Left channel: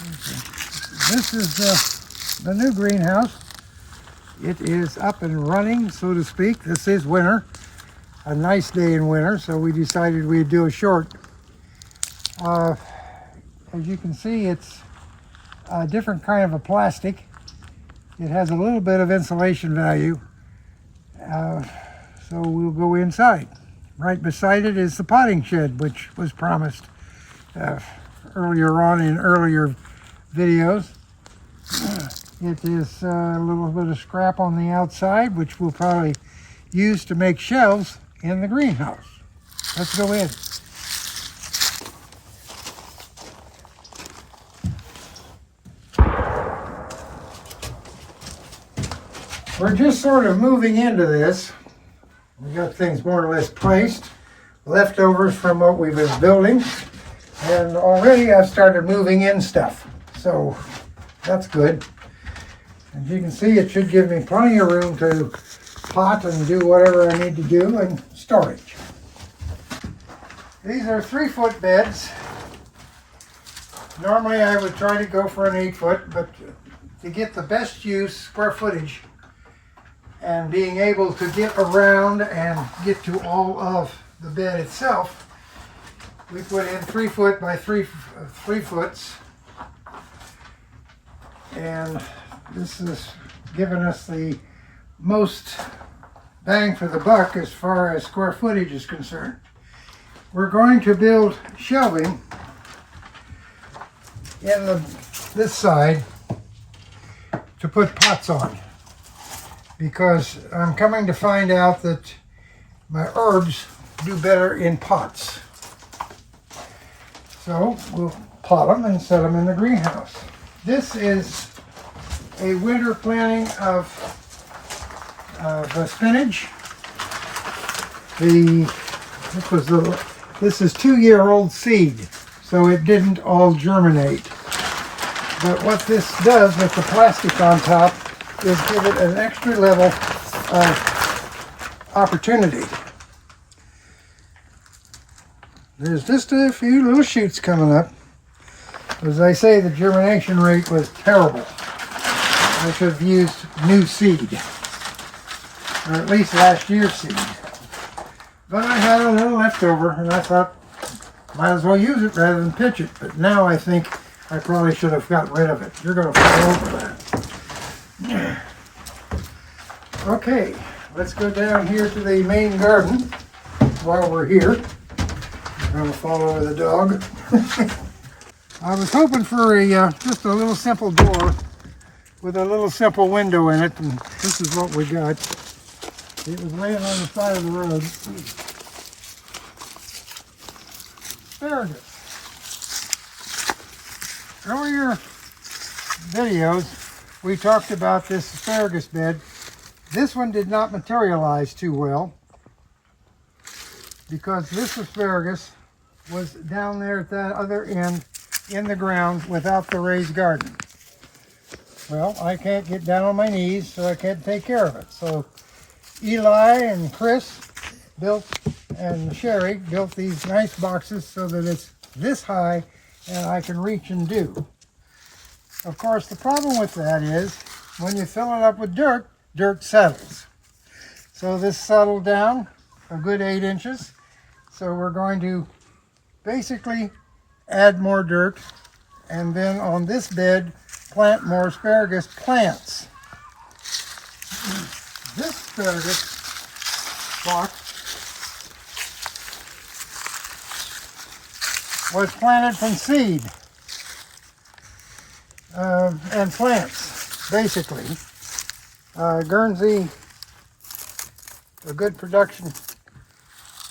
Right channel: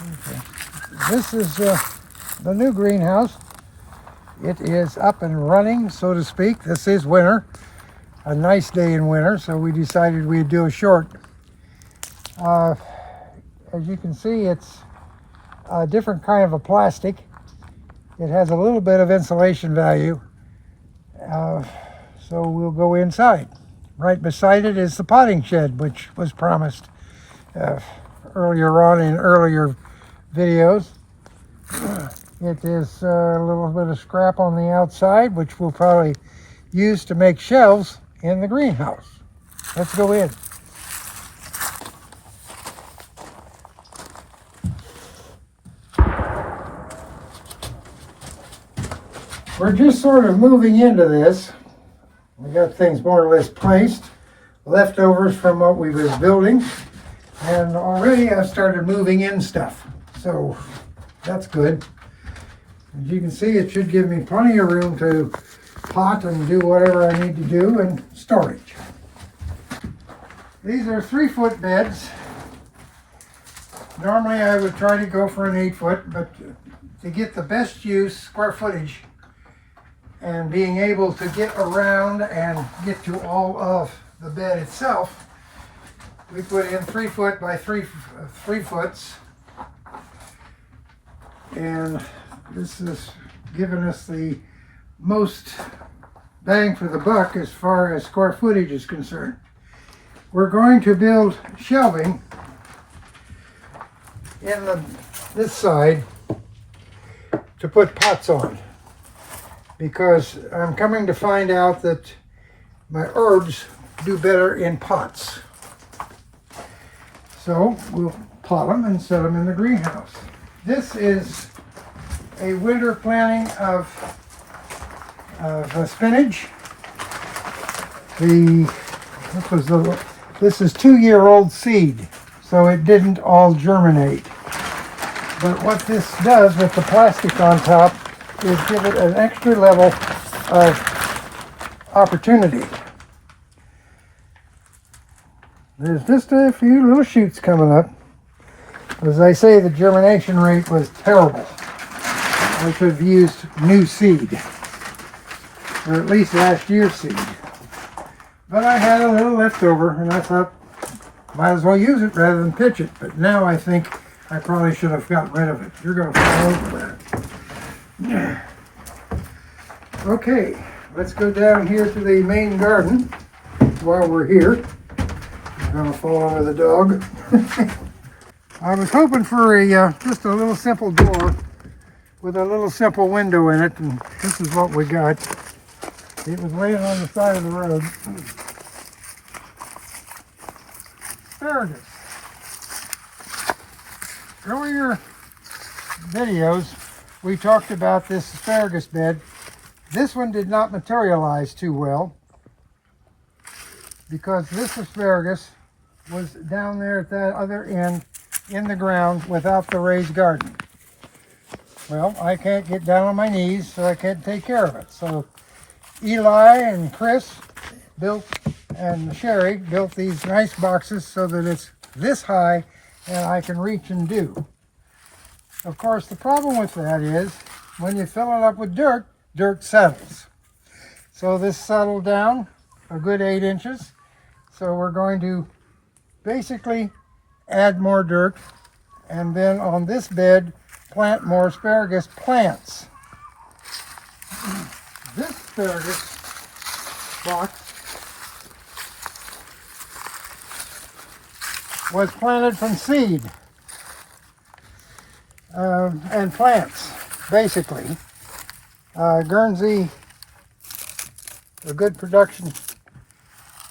This is the new greenhouse. It is up and running, so to speak. This is winter, a nice day in winter, so we decided we'd do a short. As you can see, it's a different kind of a plastic. It has a little bit of insulation value, so we'll go inside. Right beside it is the potting shed, which was promised earlier on in earlier videos. It is a little bit of scrap on the outside, which we'll probably use to make shelves in the greenhouse. Let's go in. We're just sort of moving into this. We got things more or less placed, leftovers from what we was building, and already I've started moving in stuff, so that's good. As you can see, it should give me plenty of room to pot and do whatever I need to do, and storage. These are 3-foot beds. Normally I would try to go for an 8-foot, but to get the best use, square footage, and being able to get around and get to all of the bed itself, we put in 3-foot by 3 foots, and this is giving us the most bang for the buck as far as square footage is concerned. We're going to build shelving in this side to put pots on, because I'm coming to find out that my herbs do better in pots. So we'll pot them and set them in the greenhouse. This is a winter planting of spinach. This is 2-year-old seed, so it didn't all germinate. But what this does with the plastic on top is give it an extra level of opportunity. There's just a few little shoots coming up. As I say, the germination rate was terrible. I should have used new seed, or at least last year's seed. But I had a little left over, and I thought, might as well use it rather than pitch it. But now I think I probably should have got rid of it. You're going to fall over that. Okay, let's go down here to the main garden while we're here. I'm going to fall over the dog. I was hoping for just a little simple door with a little simple window in it, and this is what we got. It was laying on the side of the road. Asparagus. Earlier videos, we talked about this asparagus bed. This one did not materialize too well, because this asparagus was down there at that other end in the ground without the raised garden. Well, I can't get down on my knees, so I can't take care of it. So Eli and Chris and Sherry built these nice boxes so that it's this high and I can reach and do. Of course, the problem with that is when you fill it up with dirt, dirt settles. So this settled down a good 8 inches. So we're going to basically add more dirt, and then on this bed plant more asparagus plants. This asparagus box was planted from seed and plants, basically. Guernsey, a good production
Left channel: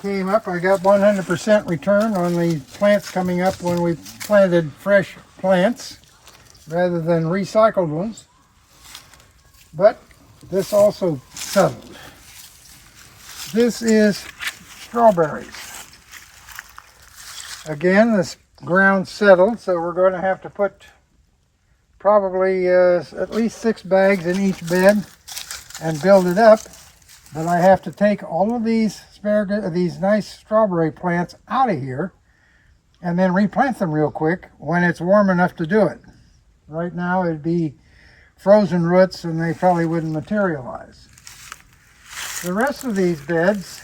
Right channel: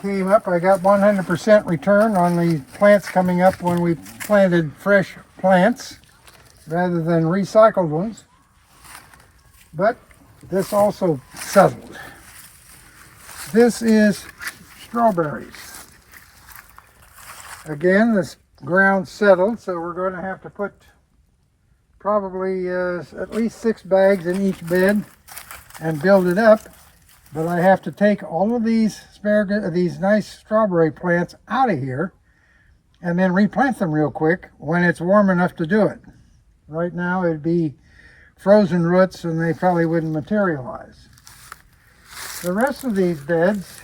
came up. I got 100% return on the plants coming up when we planted fresh plants rather than recycled ones. But this also settled. This is strawberries. Again, this ground settled, so we're going to have to put probably at least 6 bags in each bed and build it up. But I have to take all of these these nice strawberry plants out of here and then replant them real quick when it's warm enough to do it. Right now it'd be frozen roots and they probably wouldn't materialize. The rest of these beds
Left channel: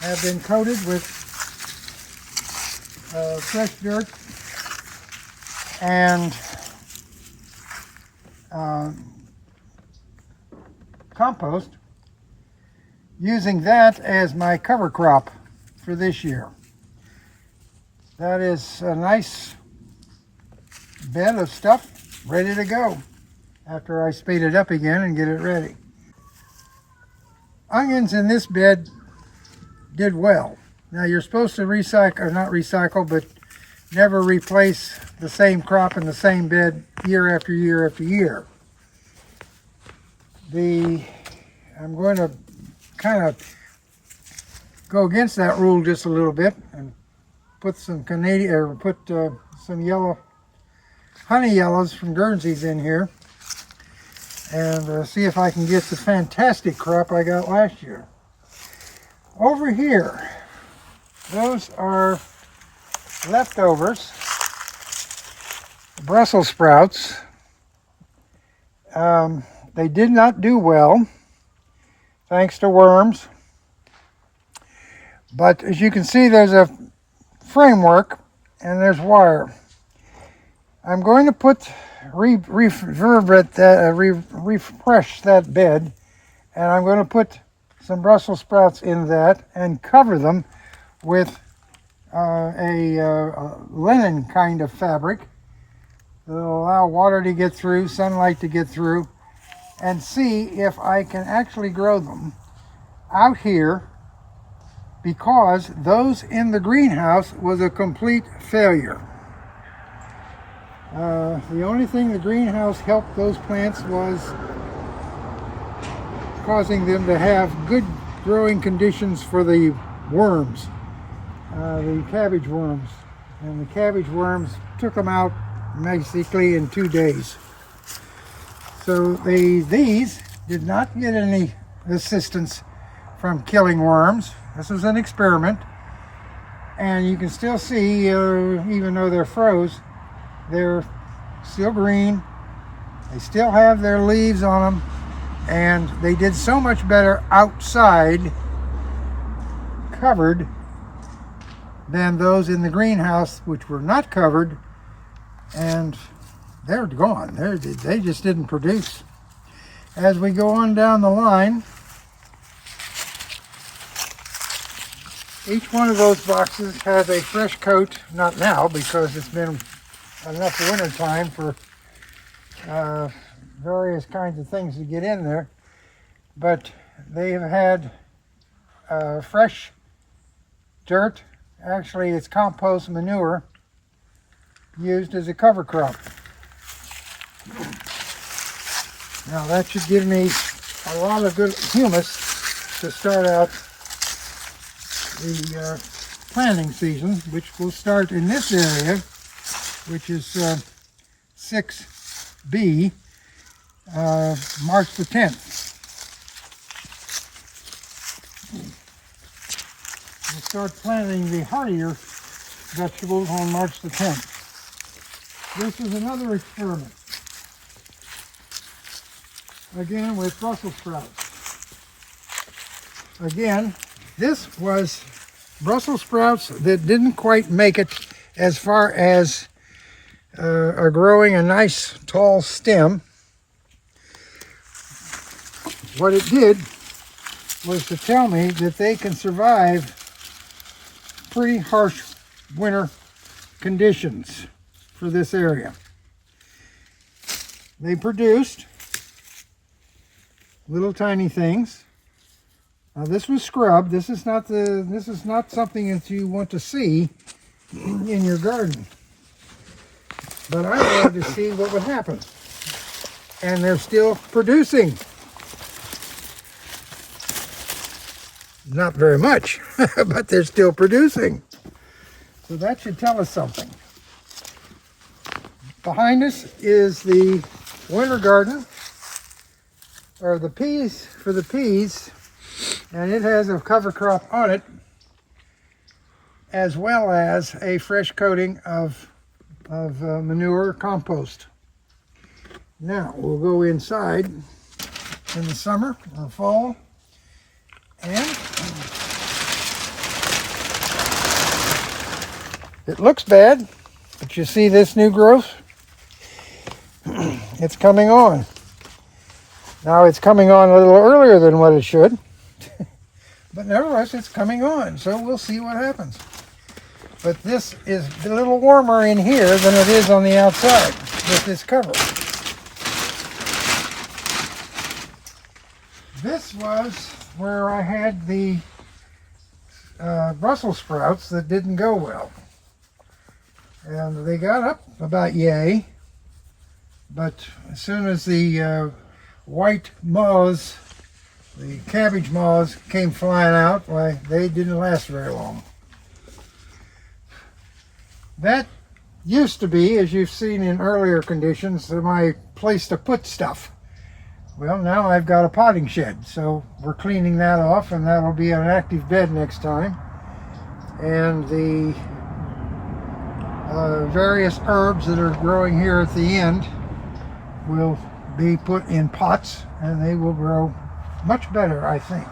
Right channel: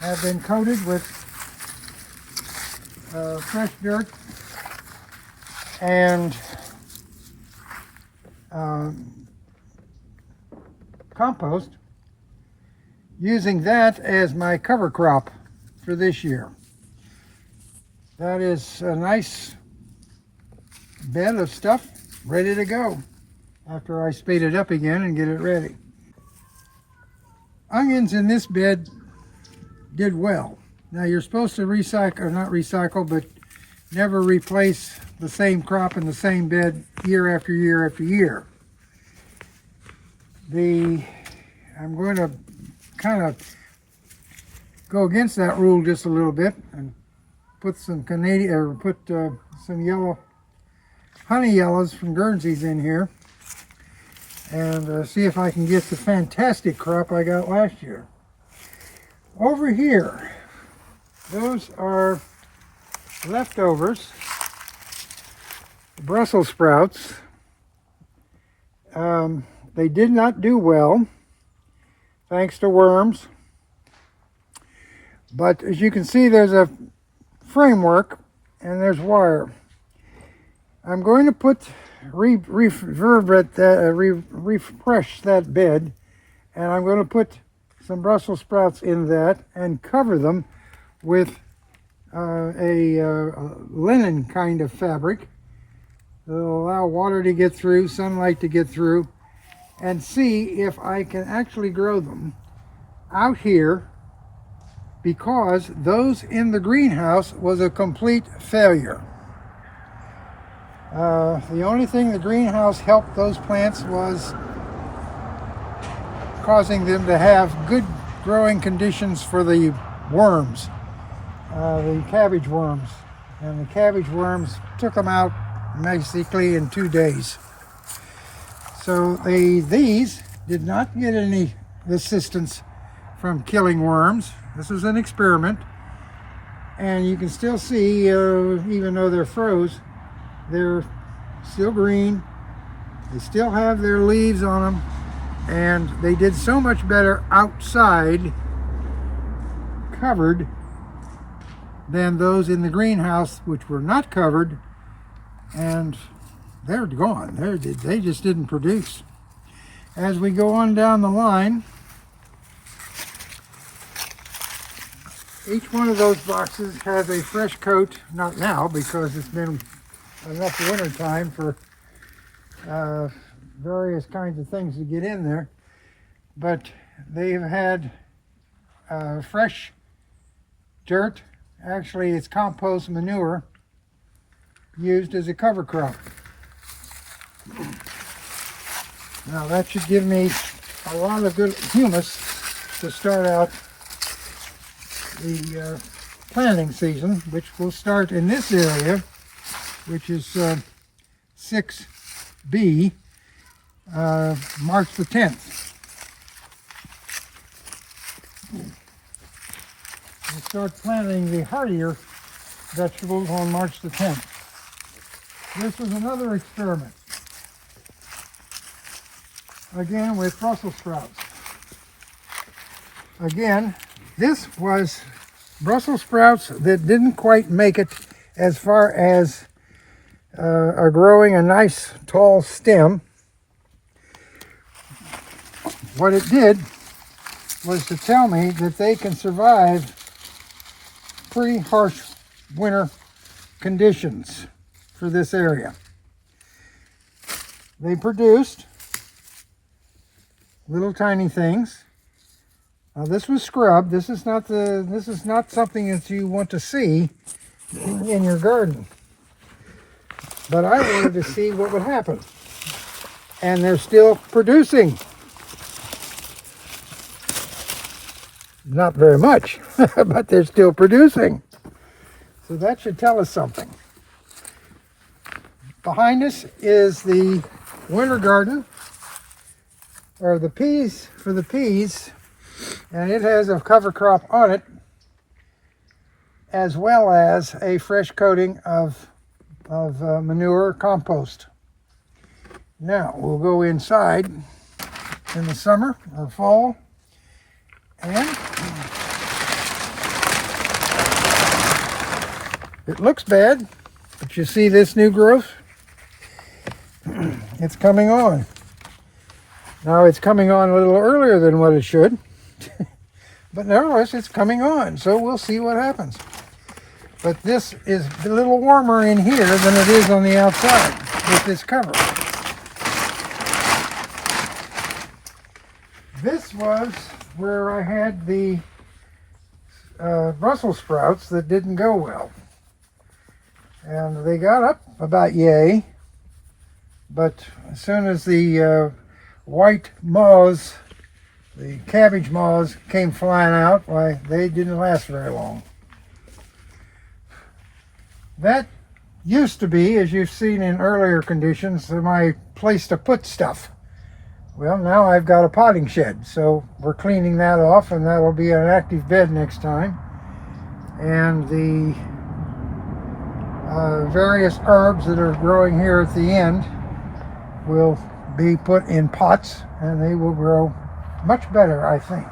have been coated with fresh dirt and compost, using that as my cover crop for this year. That is a nice bed of stuff ready to go after I speed it up again and get it ready. Onions in this bed did well. Now you're supposed to recycle, or not recycle, but never replace the same crop in the same bed year after year after year. I'm going to kind of go against that rule just a little bit and put some some yellow honey yellows from Guernseys in here and see if I can get the fantastic crop I got last year. Over here, those are leftovers, Brussels sprouts. They did not do well, thanks to worms. But as you can see, there's a framework and there's wire. I'm going to refresh that bed, and I'm going to put some Brussels sprouts in that and cover them with a linen kind of fabric that will allow water to get through, sunlight to get through, and see if I can actually grow them out here, because those in the greenhouse was a complete failure. The only thing the greenhouse helped those plants was causing them to have good growing conditions for the worms, the cabbage worms. And the cabbage worms took them out basically in 2 days. So these did not get any assistance from killing worms. This was an experiment. And you can still see, even though they're froze, they're still green. They still have their leaves on them, and they did so much better outside covered than those in the greenhouse, which were not covered, and they're gone. They just didn't produce. As we go on down the line, each one of those boxes has a fresh coat, not now because it's been enough winter time for various kinds of things to get in there, but they've had fresh dirt. Actually, it's compost manure used as a cover crop. Now that should give me a lot of good humus to start out the planting season, which will start in this area, which is 6B, March the 10th. We'll start planting the hardier vegetables on March the 10th. This is another experiment, again with Brussels sprouts. Again, this was Brussels sprouts that didn't quite make it as far as are growing a nice tall stem. What it did was to tell me that they can survive pretty harsh winter conditions for this area. They produced little tiny things. Now this was scrub. This is not something that you want to see in your garden. But I wanted to see what would happen. And they're still producing. Not very much, but they're still producing. So that should tell us something. Behind us is the winter garden, or the peas, for the peas, and it has a cover crop on it, as well as a fresh coating of manure compost. Now we'll go inside in the summer or fall, and it looks bad, but you see this new growth? It's coming on. Now it's coming on a little earlier than what it should, but nevertheless it's coming on, so we'll see what happens. But this is a little warmer in here than it is on the outside with this cover. This was where I had the Brussels sprouts that didn't go well. And they got up about yay, but as soon as the white moths, the cabbage moths, came flying out, why, they didn't last very long. That used to be, as you've seen in earlier conditions, my place to put stuff. Well, now I've got a potting shed, so we're cleaning that off, and that'll be an active bed next time. And the various herbs that are growing here at the end will be put in pots, and they will grow much better, I think.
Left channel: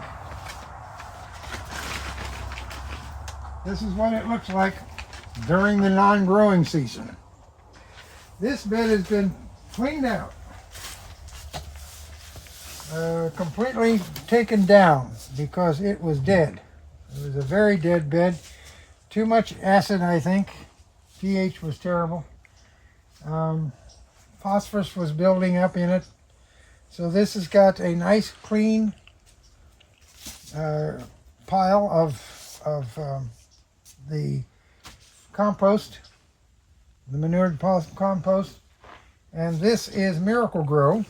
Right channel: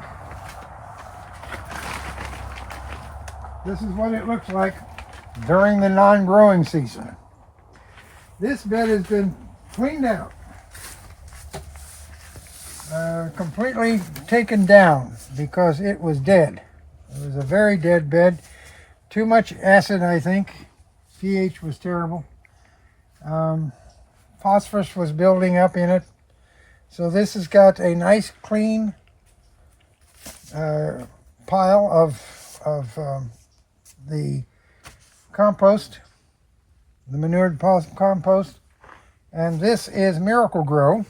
This is what it looks like during the non-growing season. This bed has been cleaned out. Completely taken down because it was dead. It was a very dead bed. Too much acid, I think. pH was terrible. Phosphorus was building up in it. So this has got a nice clean pile of the compost, the manured compost. And this is Miracle Grow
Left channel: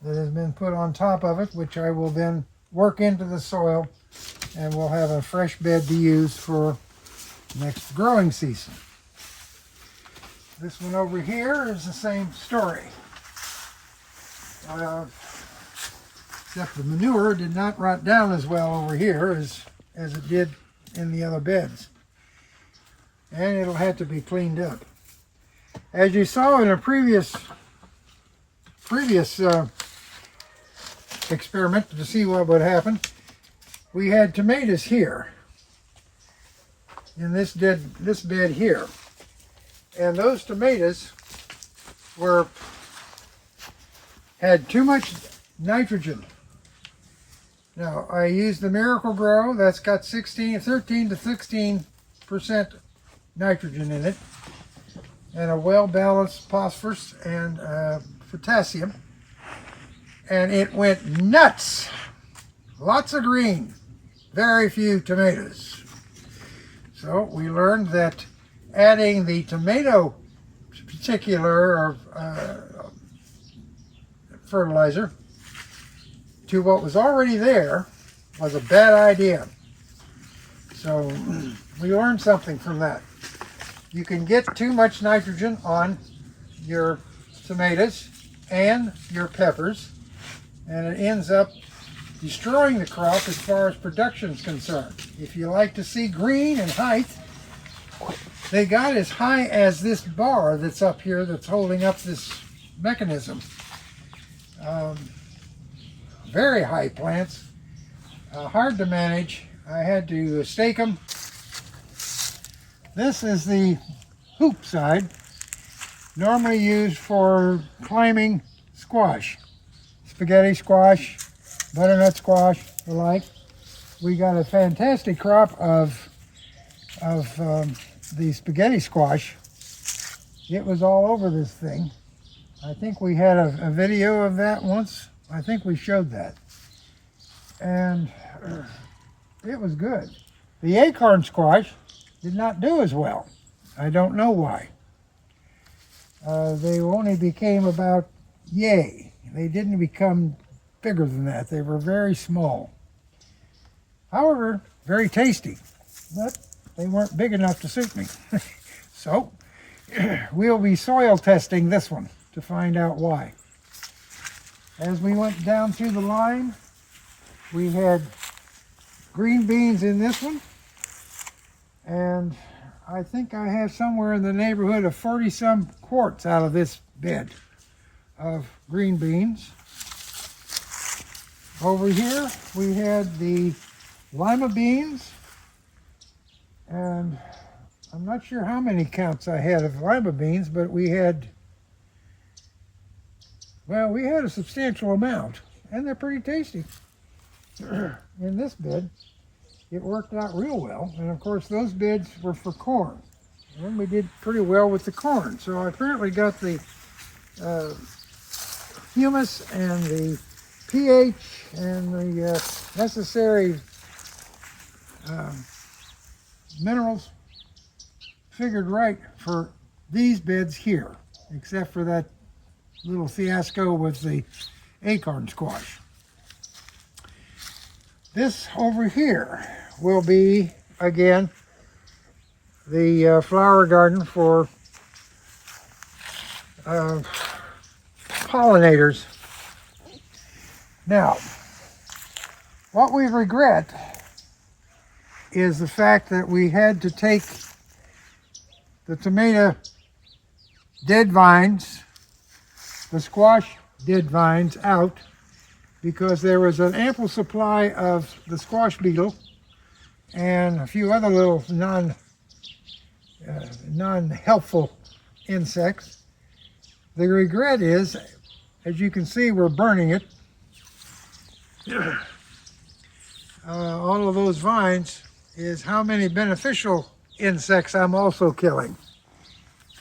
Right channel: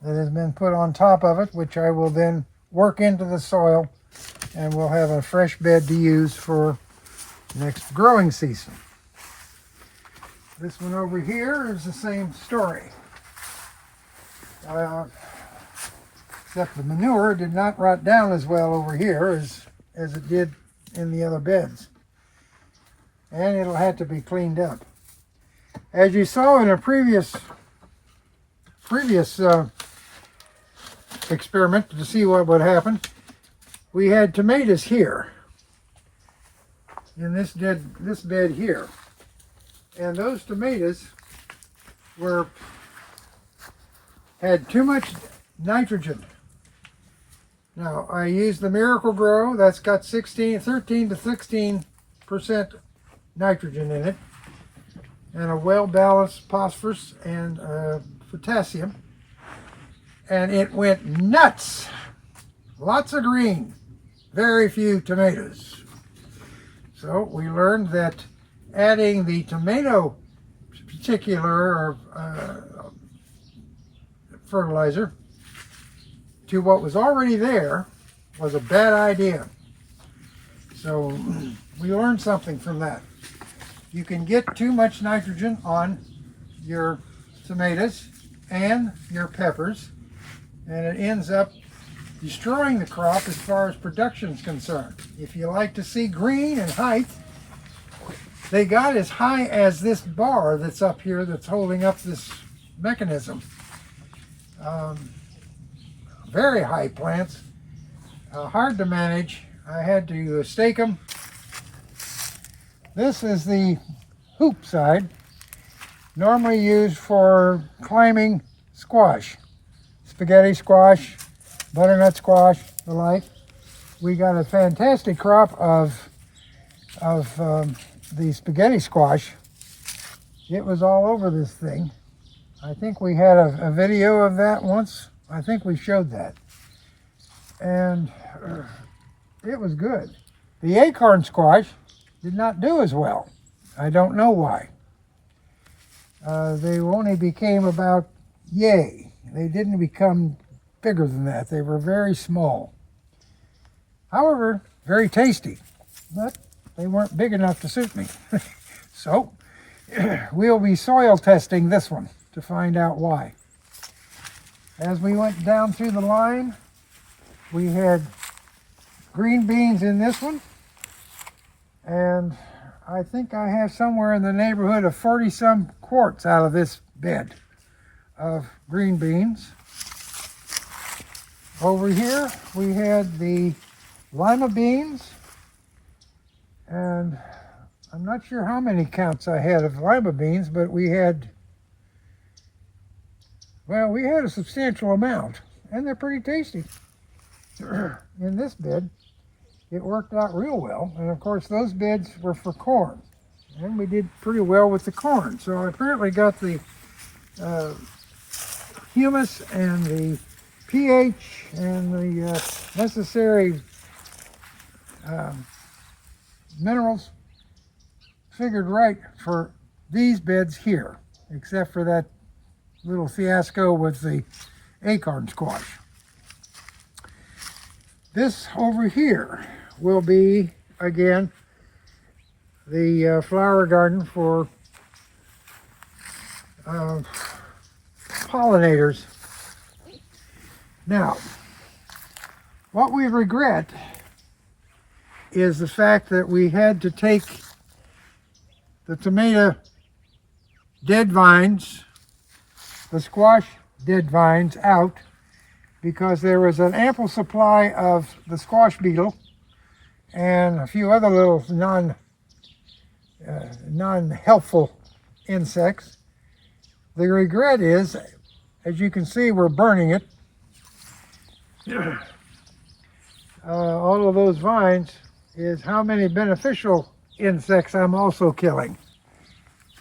that has been put on top of it, which I will then work into the soil, and we'll have a fresh bed to use for next growing season. This one over here is the same story. Except the manure did not rot down as well over here as it did in the other beds. And it'll have to be cleaned up. As you saw in a previous experiment to see what would happen, we had tomatoes here in this bed here, and those tomatoes had too much nitrogen. Now I used the Miracle Grow that's got 13 to 16% nitrogen in it, and a well-balanced phosphorus and potassium. And it went nuts. Lots of green, very few tomatoes. So we learned that adding the tomato particular fertilizer to what was already there was a bad idea. So we learned something from that. You can get too much nitrogen on your tomatoes and your peppers, and it ends up destroying the crop as far as production is concerned. If you like to see green and height, they got as high as this bar that's up here that's holding up this mechanism. Very high plants, hard to manage. I had to stake them. This is the hoop side, normally used for climbing squash. Spaghetti squash, butternut squash, the like. We got a fantastic crop of the spaghetti squash. It was all over this thing. I think we had a video of that once. I think we showed that. And it was good. The acorn squash did not do as well. I don't know why. They only became about yay. They didn't become bigger than that. They were very small. However, very tasty, but they weren't big enough to suit me. So we'll be soil testing this one to find out why. As we went down through the line, we had green beans in this one, and I think I have somewhere in the neighborhood of 40-some quarts out of this bed. of green beans. Over here we had the lima beans, and I'm not sure how many counts I had of lima beans, but we had a substantial amount, and they're pretty tasty. In this bed, it worked out real well, and of course those beds were for corn, and we did pretty well with the corn. So I apparently got the humus and the pH and the necessary minerals figured right for these beds here, except for that little fiasco with the acorn squash. This over here will be, again, the flower garden for pollinators. Now, what we regret is the fact that we had to take the tomato dead vines, the squash dead vines out, because there was an ample supply of the squash beetle and a few other little non-helpful insects. The regret is, as you can see, we're burning it. All of those vines is how many beneficial insects I'm also killing.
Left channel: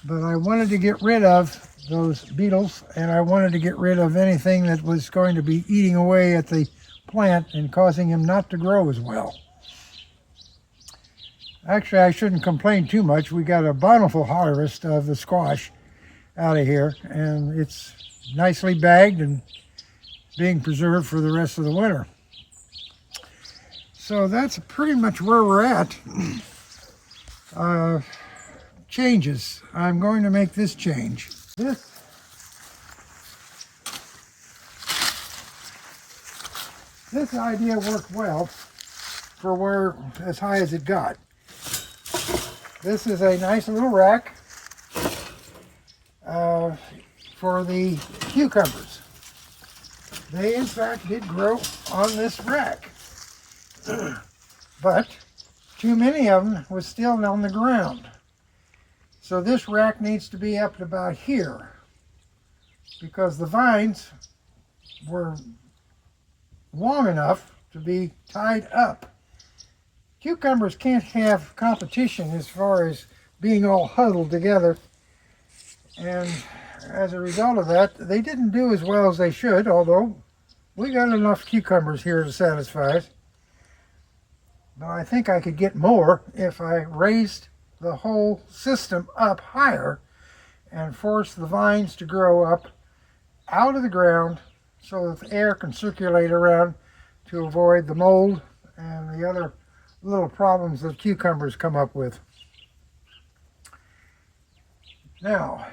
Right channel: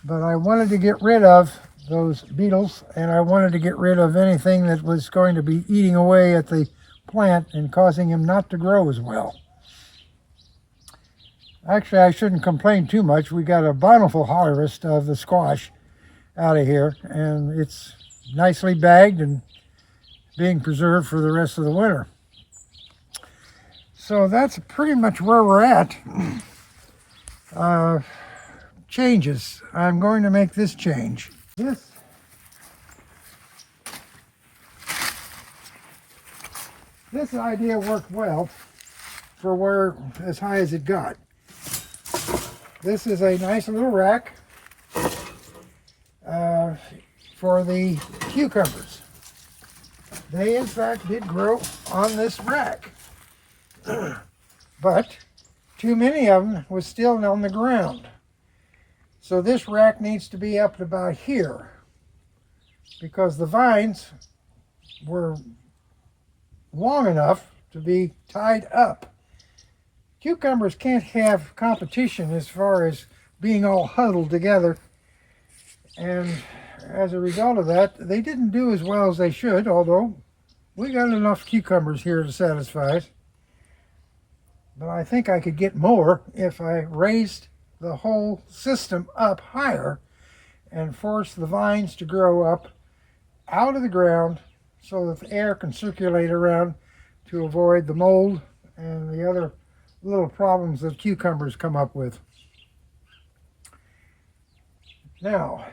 But I wanted to get rid of those beetles, and I wanted to get rid of anything that was going to be eating away at the plant and causing him not to grow as well. Actually, I shouldn't complain too much. We got a bountiful harvest of the squash out of here, and it's nicely bagged and being preserved for the rest of the winter. So that's pretty much where we're at. Changes. I'm going to make this change. This idea worked well for where as high as it got. This is a nice little rack for the cucumbers. They in fact did grow on this rack, but too many of them was still on the ground. So this rack needs to be up to about here, because the vines were long enough to be tied up. Cucumbers can't have competition as far as being all huddled together, and as a result of that, they didn't do as well as they should, although we got enough cucumbers here to satisfy us. But I think I could get more if I raised the whole system up higher and forced the vines to grow up out of the ground so that the air can circulate around to avoid the mold and the other little problems that cucumbers come up with. Now,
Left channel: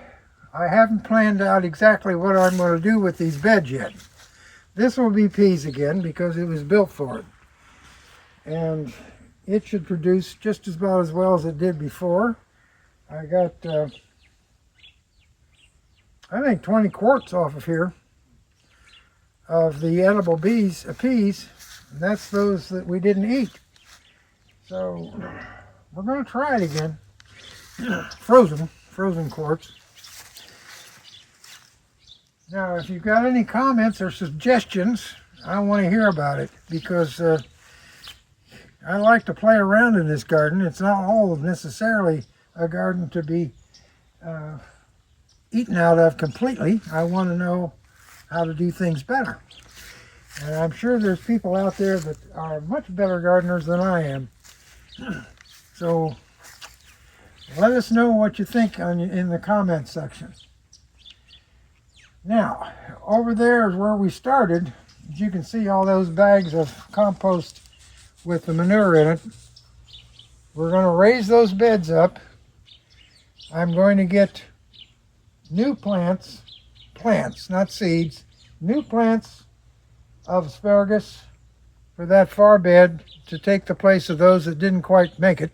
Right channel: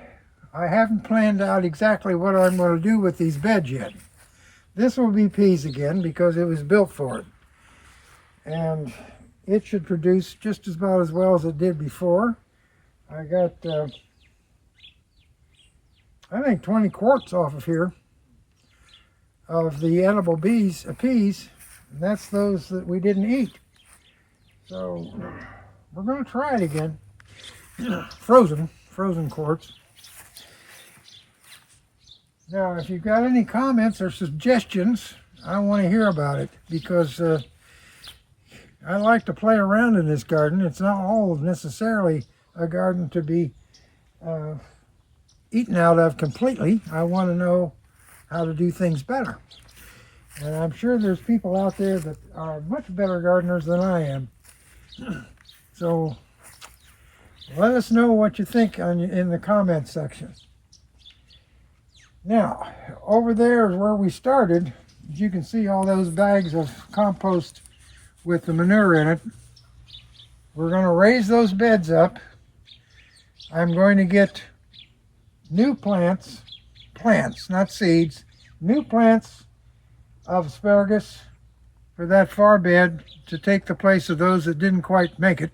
I haven't planned out exactly what I'm going to do with these beds yet. This will be peas again because it was built for it. And it should produce just about as well as it did before. I got, I think 20 quarts off of here of the edible peas, and that's those that we didn't eat. So we're going to try it again. Frozen quarts. Now, if you've got any comments or suggestions, I want to hear about it, because I like to play around in this garden. It's not all necessarily a garden to be eaten out of completely. I want to know how to do things better. And I'm sure there's people out there that are much better gardeners than I am. So let us know what you think in the comment section. Now, over there is where we started. As you can see, all those bags of compost with the manure in it. We're going to raise those beds up. I'm going to get new plants, not seeds, new plants of asparagus for that far bed to take the place of those that didn't quite make it.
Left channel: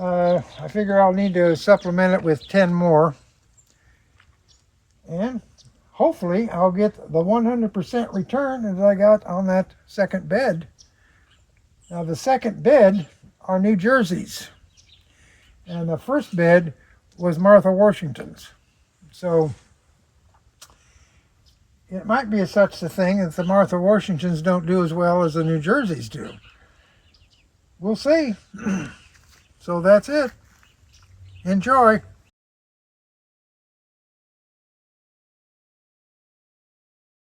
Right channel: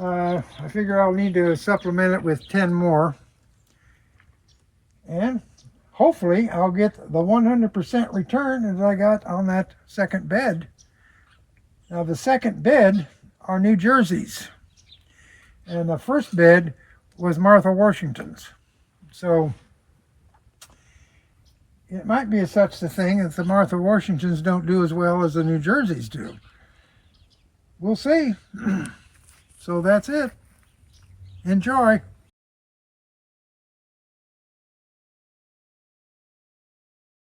I figure I'll need to supplement it with 10 more. And hopefully I'll get the 100% return as I got on that second bed. Now the second bed are New Jersey's, and the first bed was Martha Washington's. So it might be such a thing that the Martha Washingtons don't do as well as the New Jerseys do. We'll see. So that's it. Enjoy.